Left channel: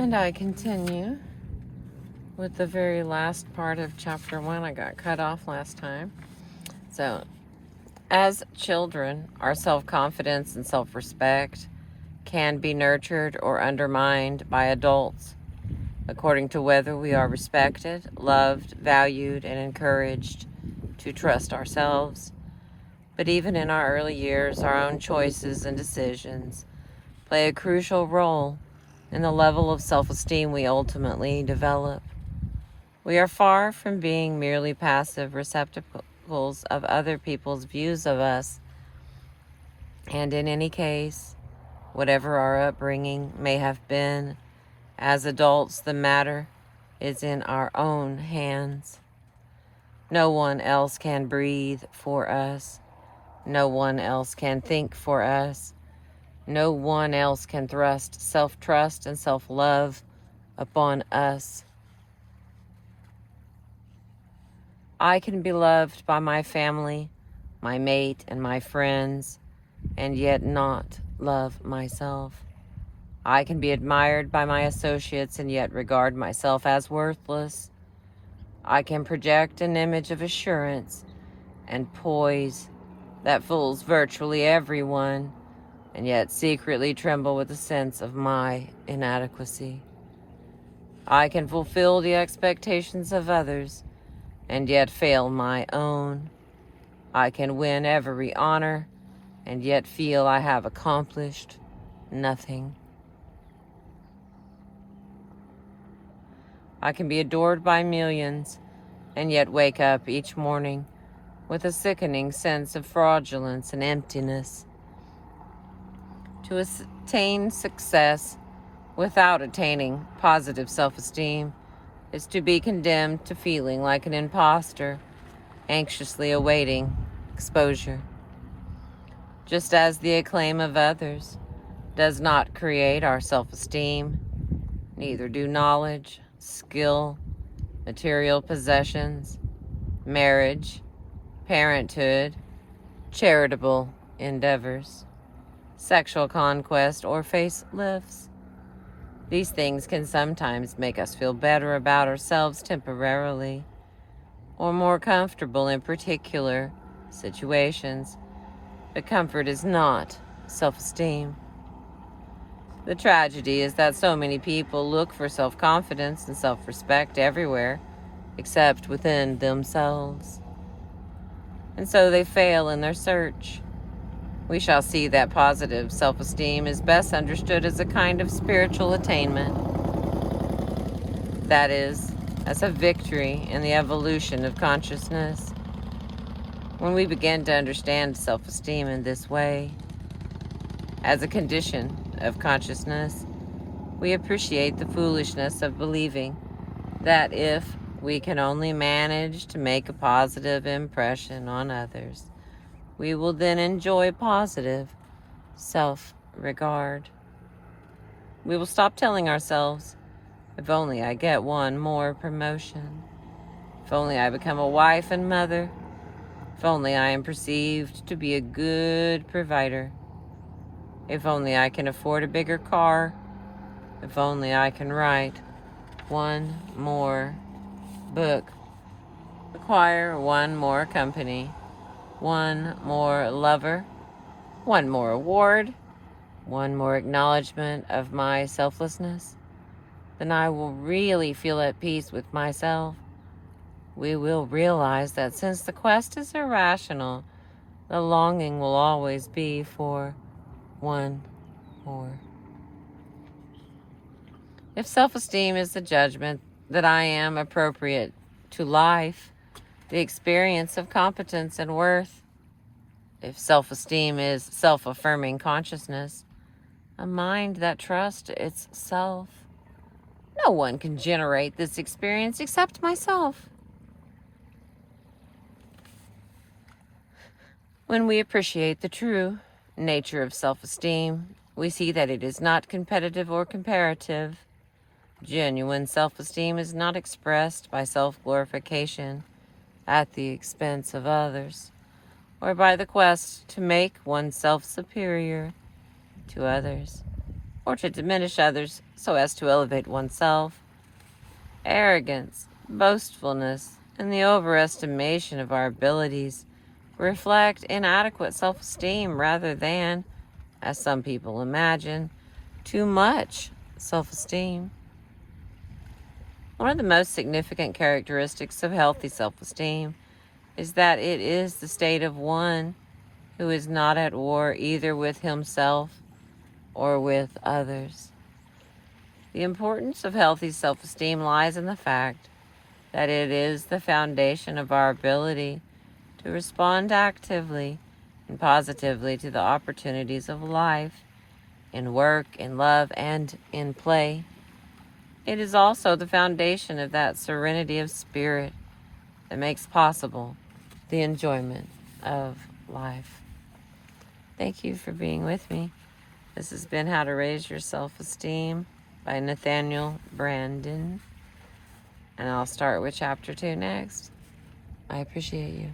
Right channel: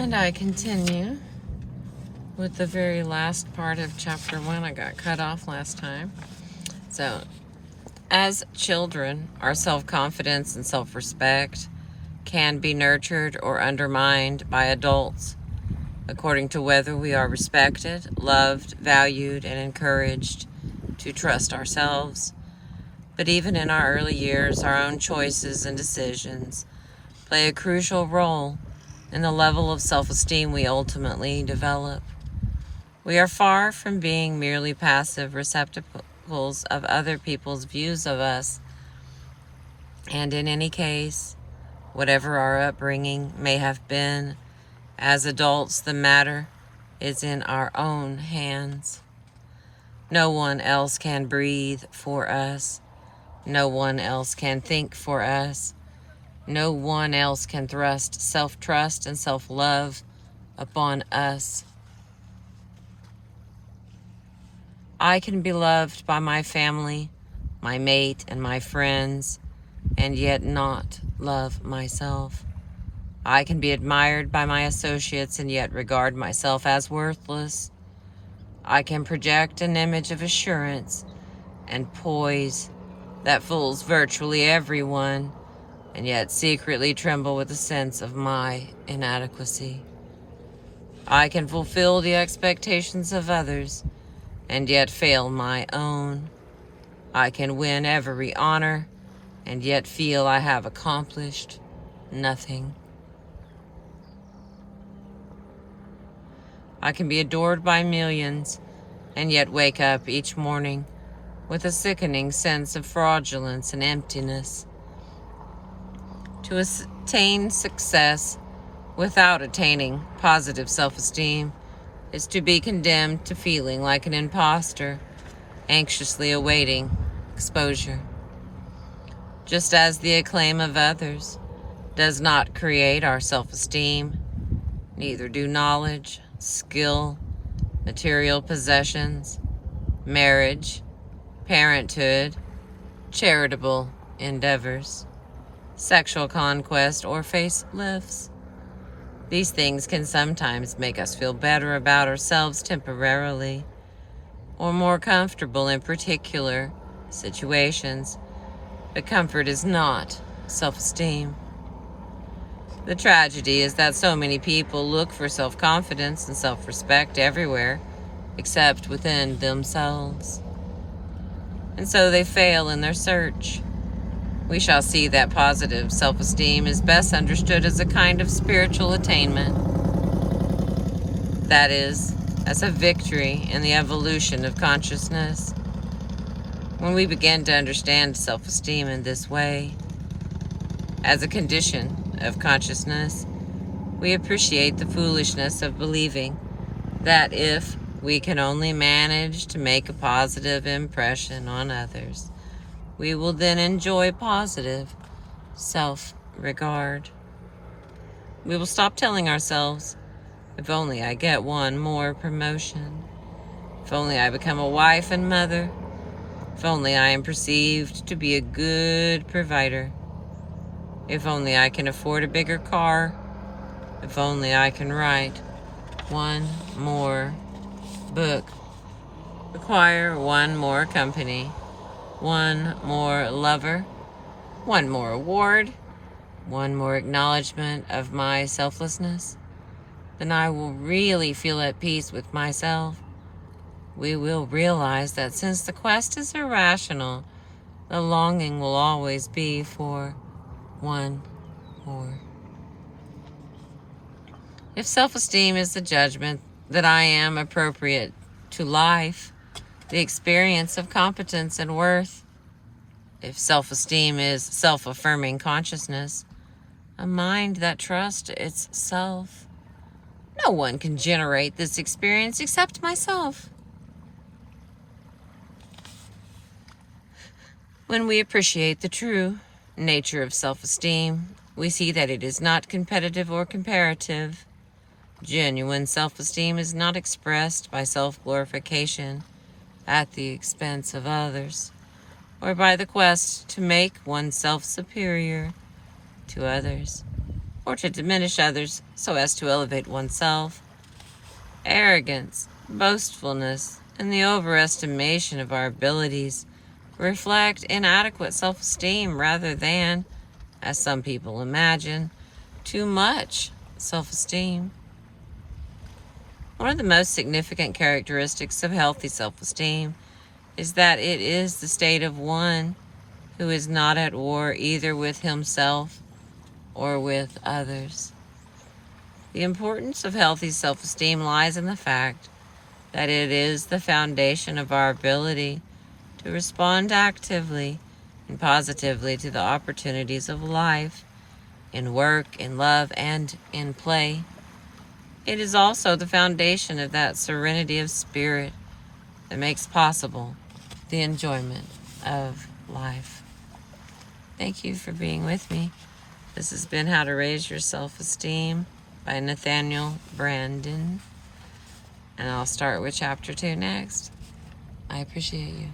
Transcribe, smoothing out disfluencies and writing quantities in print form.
And I continue with the very last part of chapter 1. I got cut off last time. So, as children, our self-confidence and self-respect can be nurtured or undermined by adults according to whether we are respected, loved, valued, and encouraged to trust ourselves. But even in our early years, our own choices and decisions play a crucial role in the level of self-esteem we ultimately develop. We are far from being merely passive receptacles of other people's views of us, and in any case, whatever our upbringing may have been, as adults, the matter is in our own hands. No one else can breathe for us. No one else can think for us. No one else can thrust self-trust and self-love upon us. I can be loved by my family, my mate, and my friends, and yet not love myself. I can be admired by my associates and yet regard myself as worthless. I can project an image of assurance and poise that fools virtually everyone, and yet secretly tremble with a sense of my inadequacy. I can fulfill the expectations of others and yet fail my own. I can win every honor and yet feel I have accomplished nothing. I can be adored by millions and yet wake up each morning with a sickening sense of fraudulence and emptiness. To attain success without attaining positive self-esteem is to be condemned to feeling like an imposter, anxiously awaiting exposure. Just as the acclaim of others does not create our self-esteem, neither do knowledge, skill, material possessions, marriage, parenthood, charitable endeavors, sexual conquest, or facelifts. These things can sometimes make us feel better about ourselves temporarily, or more comfortable in particular situations, but comfort is not self-esteem. The tragedy is that so many people look for self-confidence and self-respect everywhere except within themselves, and so they fail in their search. We shall see that positive self-esteem is best understood as a kind of spiritual attainment. That is, as a victory in the evolution of consciousness. When we begin to understand self-esteem in this way, as a condition of consciousness, we appreciate the foolishness of believing that if we can only manage to make a positive impression on others, we will then enjoy positive self-regard. We will stop telling ourselves, if only I get one more promotion, if only I become a wife and mother, if only I am perceived to be a good provider, if only I can afford a bigger car, if only I can write one more book, acquire one more company, one more lover, one more award, one more acknowledgement of my selflessness, then I will really feel at peace with myself. We will realize that since the quest is irrational, the longing will always be for one more. If self-esteem is the judgment that I am appropriate to life, the experience of competence and worth, if self-esteem is self-affirming consciousness, a mind that trusts itself, no one can generate this experience except myself. When we appreciate the true nature of self-esteem, we see that it is not competitive or comparative. Genuine self-esteem is not expressed by self-glorification at the expense of others, or by the quest to make oneself superior to others, or to diminish others so as to elevate oneself. Arrogance, boastfulness, and the overestimation of our abilities reflect inadequate self-esteem rather than, as some people imagine, too much self-esteem. One of the most significant characteristics of healthy self-esteem is that it is the state of one who is not at war either with himself or with others. The importance of healthy self-esteem lies in the fact that it is the foundation of our ability to respond actively and positively to the opportunities of life, in work, in love, and in play. It is also the foundation of that serenity of spirit that makes possible the enjoyment of life. Thank you for being with me. This has been How to Raise Your Self-Esteem by Nathaniel Brandon. And I'll start with Chapter 2 next. I appreciate you.